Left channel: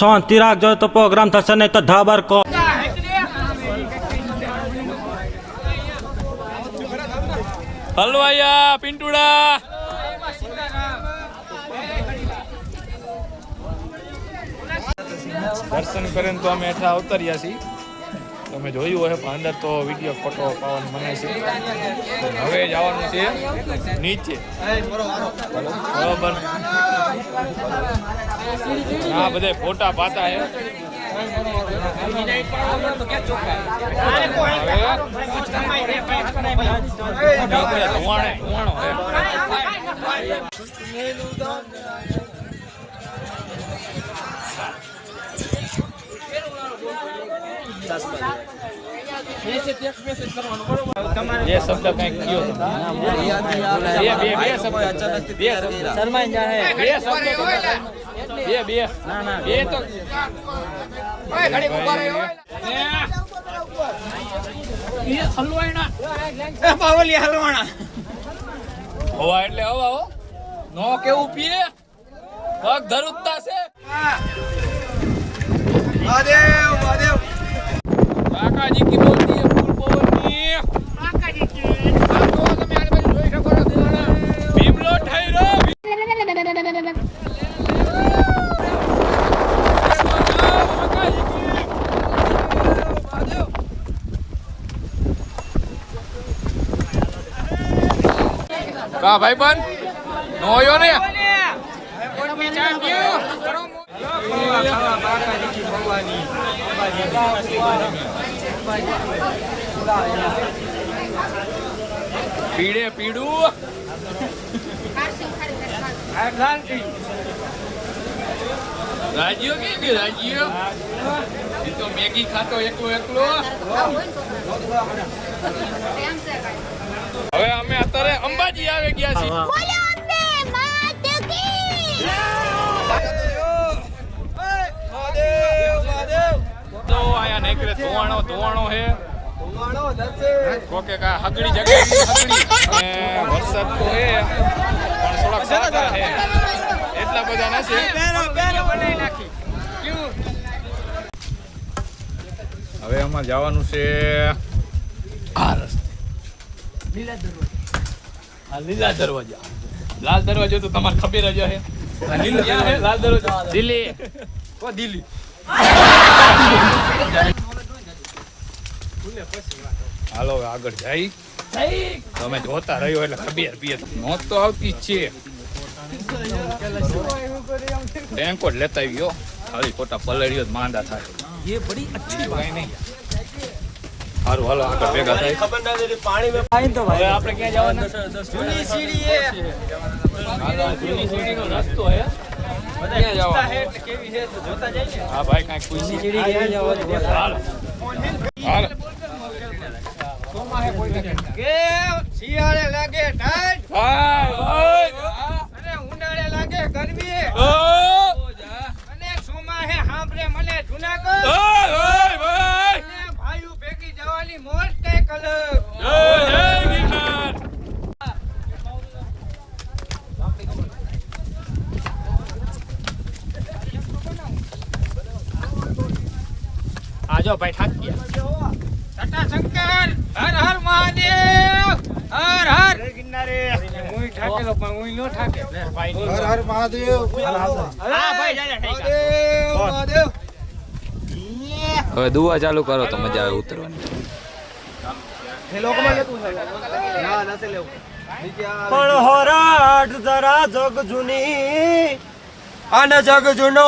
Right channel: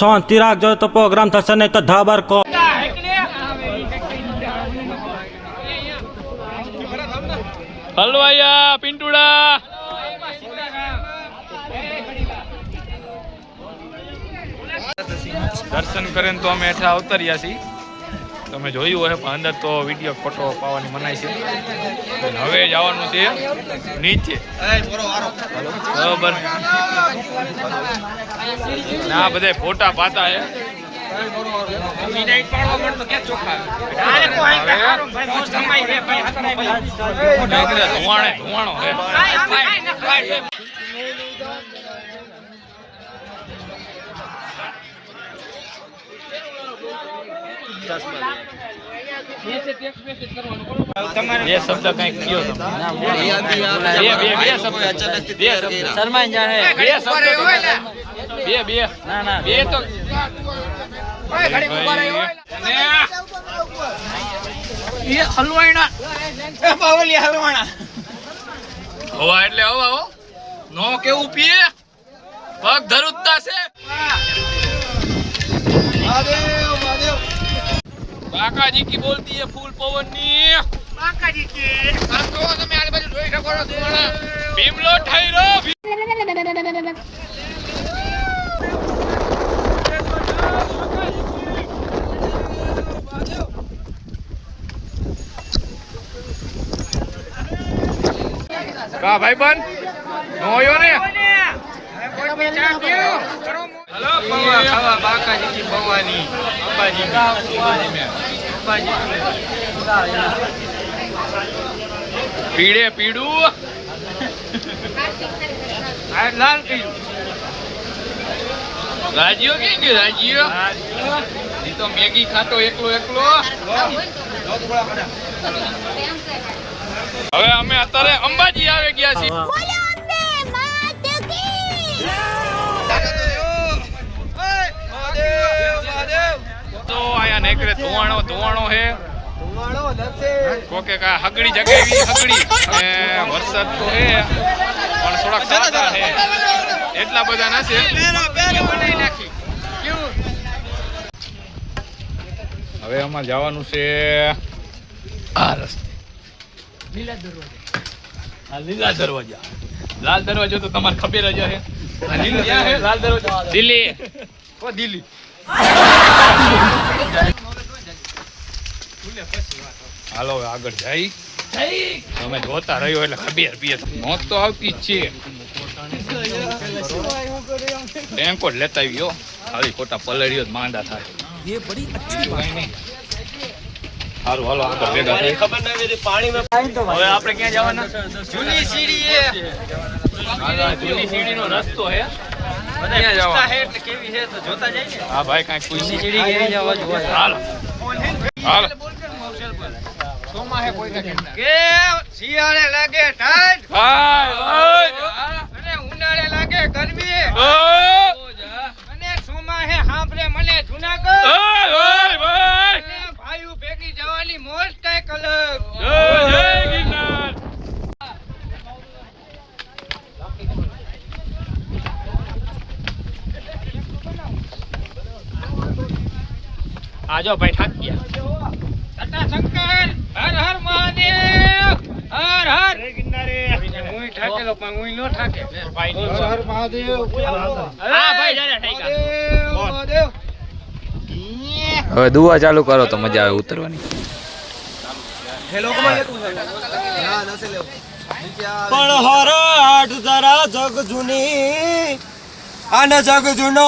શાંતિ રાખજો તો પ્રોગ્રામ થશે નહીં તો ધાબર કો હલવાયા, પિંટુડા. દર્શન કરીને તો અમે એઠા અવતર્યા છીએ. તમે જોયું હશે પણ અંદર તો વીડિયો ફોટો પાવાની મનાય છે. હવે જવાનું છે નીચે. બરોબર. ના બધા ફોટા પાતા છે ધુવાણે ધુવાણો હે. બે શબ્દ કંઈક કયો તમે? બે બે બે શબ્દ. બે શબ્દ. શરમાઈ જાહે બે શબ્દ બે બે. ના ના. બે તો ભાઈ હવા એટલે હવા હો. નો કેવું પીએ? પગ ધરુતા છે. કાકાજી કી બોલતી હે ફૂલ પવનની કાકાજી કી આ તો તમે આને બાજુ જોઈ શકો છો દુવાણા ભીમલો ઠાઈરો કા ભાઈ બન નો? હોયો ને હલો પવા ખાવા બાકાજી કી પવાની અંબાજી અંબાજી મે પીડે પીડું. રાજીઓ કે કે રાજીઓ? એ તો મેગી ખાતો એકલો એકલો. હવે અમે અત્યારે અંબાજી આવે ગયા છીએ. તો આયા નેકરે ધુવાણો ધુવાણો હે. કોકે કા હગડી જગ્યાએ હગડી. અને વરસાદ તો હે પણ થોડાક સાતા હે. એટલા બધા નથી. હવે અમારે જવાનું છે આ રસ્તે. આ લીલા દરવાજા. લાલ દરવાજો તો તમારે ખબર જ હે? લાલ દરવાજો. દિલ્હી. કો દિલ્હી? હાલો હવે આગળ જઈ. તમે જોતા રહ્યો એટલે ખબર પીએ મોત તો આવતી જ છે. ટેન્કો લેતા આવ્યો ખાલી ખોટા પલળ્યો જ માંદા થાય. એ બડી અચ્છી વાત. નહીં. સારું હાલો આગળ ભેગા થાય હવે આપણે ક્યાં જવાના? જૂની સીડી એ. જૂની રસ્તો ભાઈ સીડી નો સોમાં હે. શિયાળે લાગે અને ઉનાળે લાગે ગરમી. અને સોમાહે સાંભળે મને જુનાગઢ. ભાઈ ભાઈ. ભાઈ ભાઈઓ ભેગી જવાની મોજ કંઈક અલગ જય જય ગિરનાર આજો ભાઈ થાક ગયા તટાશંકર હર હર મહાદેવ હર હર. હું ઠાકેલો પણ હું નો ઠાકે. ભાઈ મહાદેવ. હા ભાઈ જાને ઠાકા હવે દુવા ચાલુ કરો તો મજા આવે ઉતરવાની. પણ હોરાટ જરા જગ જૂની. અને જગ જૂનો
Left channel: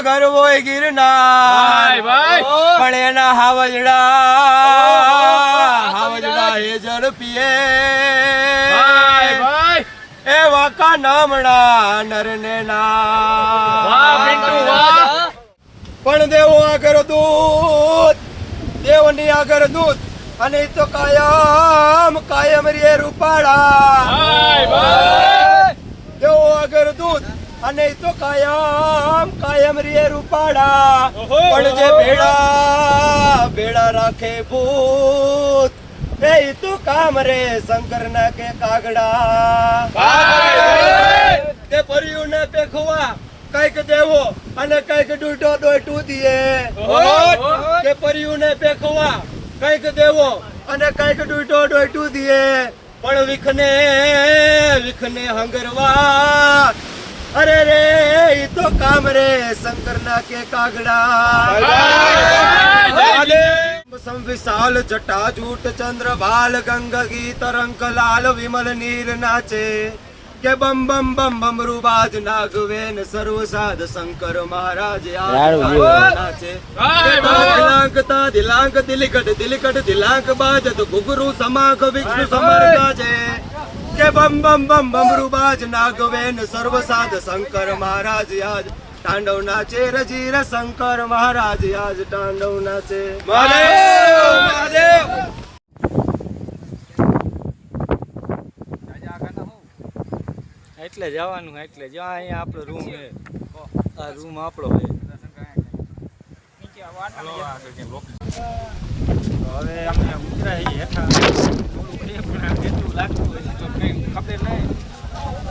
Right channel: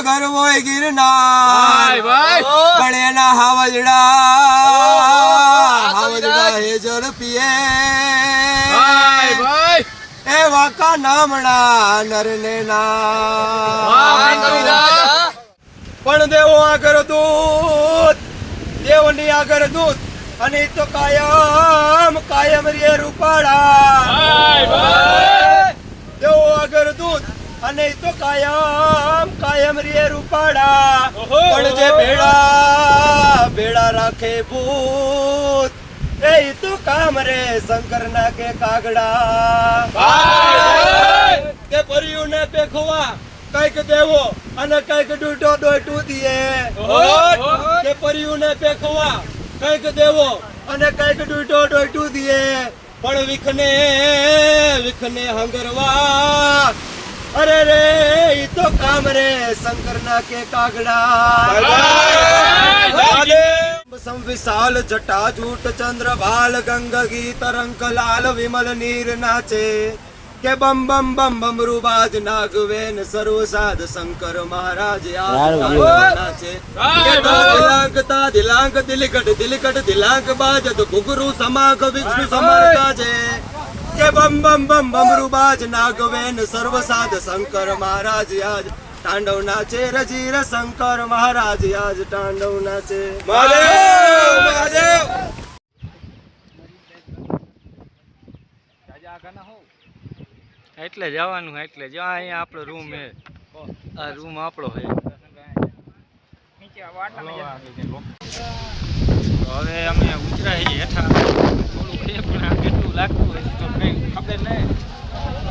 ગરવો ગિરનાર. પણ એના હાવજડા હાવજડા હે જળ પીએ. ભાઈ ભાઈ. એ વાકા નામણા નરને વાહ પણ દેવો આગળ દૂત દેવની આગળ દૂત અને તો કાયમ કાયમ રે રૂપાળા ભાઈ ભાઈ દેવો આગળ દૂત અને તો કાયમ કાયમ રે રૂપાડા પણ જે ભેળા ભેળા રાખે ભૂત એ તો કામ રે શંકર ના કે કાગડા. તે કે પરિયું ને પેખવા કંઈક દેવો અને કંઈક ડૂટો ડોટું દીએ. કે પરિયુને પેખવા કંઈક દેવો અને કંઈક ડૂટો ડોટું દીએ. પણ વિખને વિખને હંગરવા અરે રે ઈ તો કામ રે શંકરના કે કાગડા. સંવિશાલ જટા જૂટ ચંદ્ર ભાલ ગંગ ગીત રંક લાલ વિમલ નીર નાચે. કે બમ બમ બમ બમ રૂબાજ નાગવેન સર્વ સાધ શંકર મહારાજ આ નાચે. દિલાંક તા દિલાંક દિલકટ દિલકટ દિલાંક તો ઘુઘરું સમાગ વિષ્ણુ સમર ગાજે કે બમ બમ બમ બમ રૂબાજ નાગવેન સર્વસાધ શંકર મહારાજ આજ તાંડવ નાચે રજીર શંકર મહારાજ આજ તાંડવ નાચે મહાદેવ મહાદેવ! એટલે જવાનું એટલે જો અહીંયા આપણો રૂમ છે આ રૂમ આપણો છે હવે અમે ઉતરા હેઠા. છે પણ આ કેટલું લાગતું હોય તો કંઈ ખબર નહીં.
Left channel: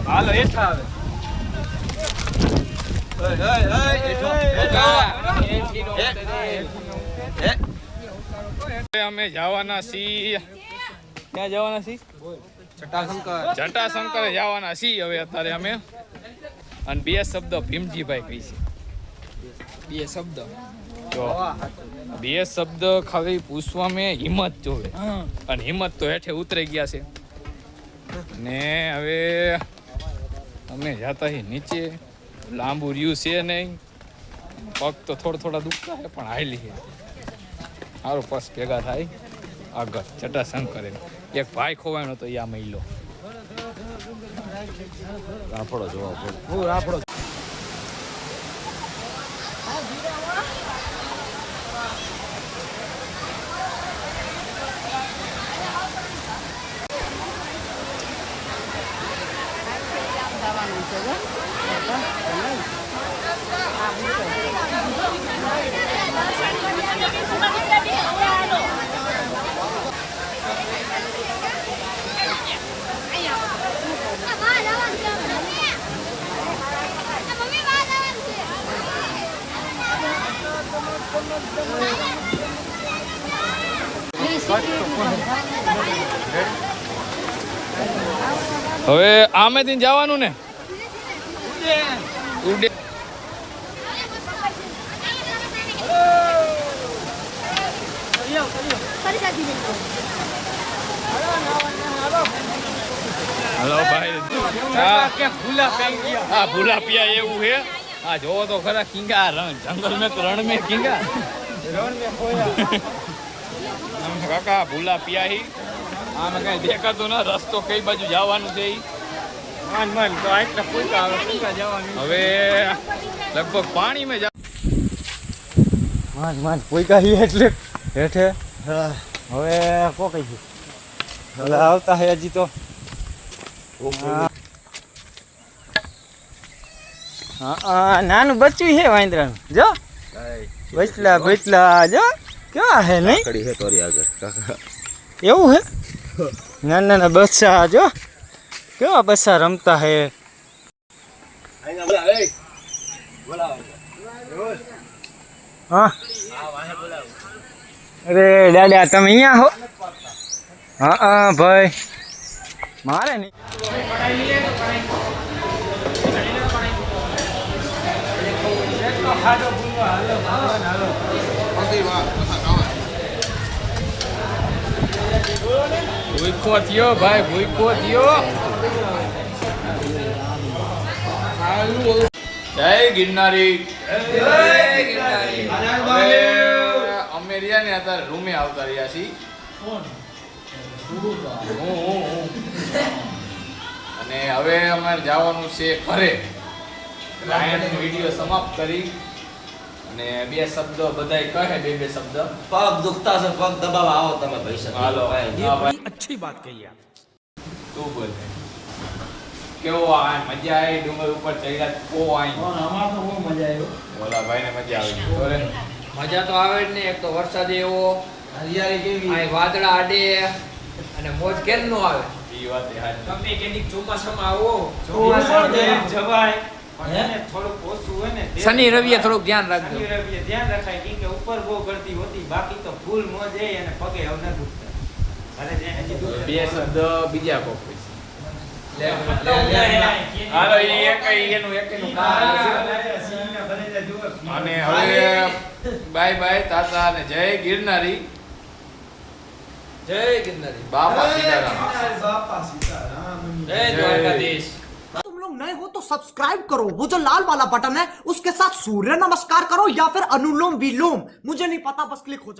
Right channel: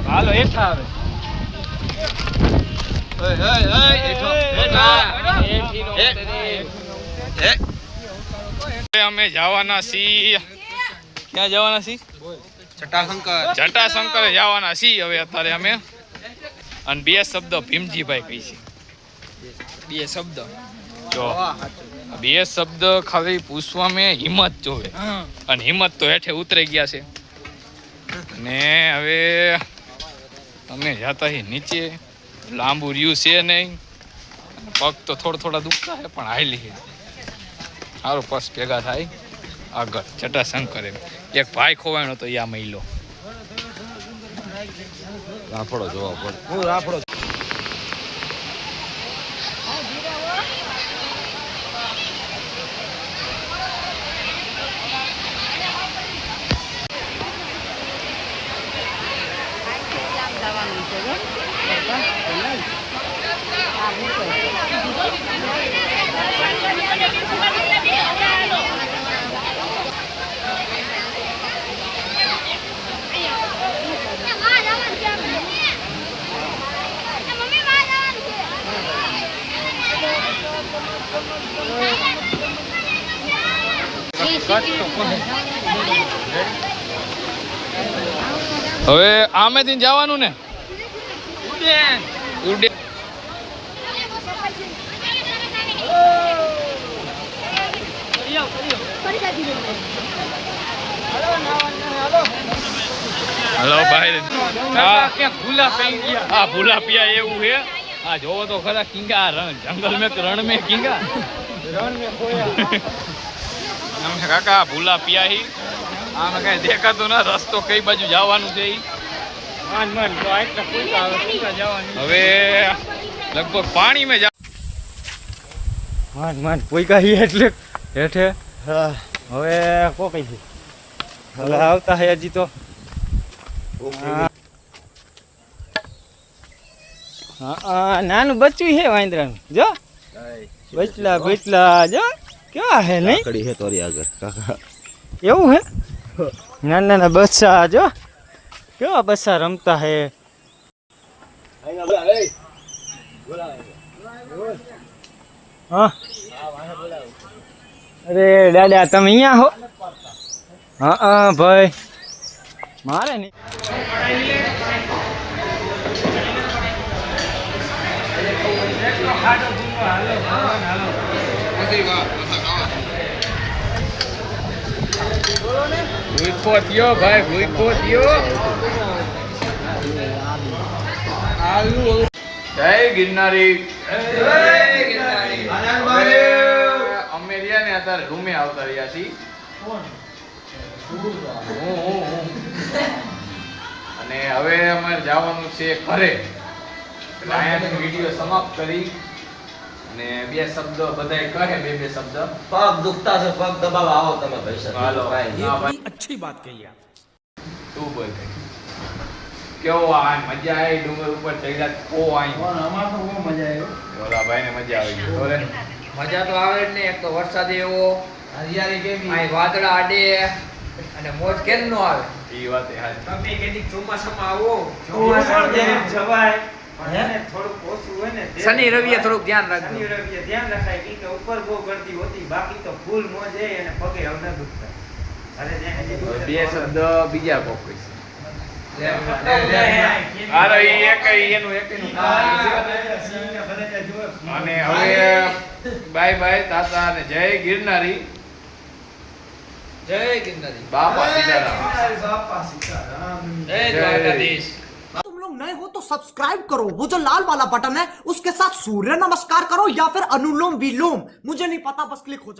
હાલો હેઠા હવે હવે અમે જવાના છીએ. ક્યાં જવાના છીએ? જટાશંકર. જટાશંકરે જવાના છીએ હવે અત્યારે અમે. અને બે શબ્દ ભીમજીભાઈ કહી છે. બે શબ્દ. જો. બે શબ્દ ખાલી પૂછવા મેં હિંમત જોવે. અને હિંમત તો હેઠે ઉતરી ગયા છે. ને હવે અમે જાતા હી નીચે. લાંબુ રહ્યું છે નહીં. પગ તો થોડા થોડા દુખતા છે પણ હાલી છે સારું પગ ભેગા થાય. આગળ જટાશંકર. એમ એક ભાઈ ખોવાણો તો યા મહિલો. જોવા પડે. જો. હવે આમેથી જવાનું ને? ઉડે. હલો ભાઈ. હા. ભૂલા હા પિયા એવું છે હા જોવો તો ખરા કિંગા રણ જંગલ મેં રણ મેં કિંગા. છે કાકા ભૂલા પિયા હી. આમ કઈ દેખાતું ના રસ્તો કઈ બાજુ જવાનું છે હવે લગભગ પાણી જા માન માન કોઈ કાંઈ એટલે. હેઠે? હવે કો કઈ છે? હવે આવતા હે હજી તો. નાનું બચ્ચું વાંદરાનું. જો. બચલા બચલા જો. કેવા હે નહીં? એવું હે? નાના નાના બચ્ચા જો. કેવા બસા રમતા હે? હા. અરે દાદા, તમે અહીંયા હો? હા હા, ભાઈ. મારે નહીં ભૂખો થયો, ભાઈ, ભૂખો થયો. જય ગિરનારી. અમે રહ્યા ને અત્યારે રૂમે આવતા રહ્યા છીએ. અને હવે અમારે જવાનું છે ઘરે. રાયણની વીડિયો સમાપ્ત કરી. અને બે શબ્દ બધાય કહે બે બે શબ્દ. પગ દુખતા છે પગ દબાવ આવો તમે ભાઈ હાલો. અચ્છી વાત કહી આપ. તું બોલ. કેવો આ મજા આવી? ડુંગર ઉપર ચડ્યા કો આઈ ઓલા ભાઈને મજા આવી. બોલે મજા તો આવે જ ને એક તો વરસાદ એવો. હરિયાળી કેવી? આ વાદળા આડે. અને મોજ કેમ નો આવે? ઈ વાત એ હાચી. તમે કેટલીક ચોમાસામાં આવો. ચોમાસામાં ચોમાસામાં જવાય. થોડુંક ઓછું હોય ને તે- શનિ રવિએ થોડુંક ધ્યાન રાખજો. શનિ રવિએ ધ્યાન રખાય. કે ઉપર બહુ ગળદી હોતી. બાકી તો ફૂલ મોજે અને પગે હવે ન દુખતા અરે જે હજી દુખે બે શબ્દ બીજા કોક અને હવે બાય બાય તાતા અને જય ગિરનારી જય ગિરનારી બાપા સીતારામ બાપા સીતારામ જય દ્વારકાધીશ तुम लोग नए हो तो सब्सक्राइब करो वो जो लाल वाला बटन है उसके साथ सूर्य नमस्कार करो या फिर अनुलोम विलोम मुझे नहीं पता बस क्लिक हो जाए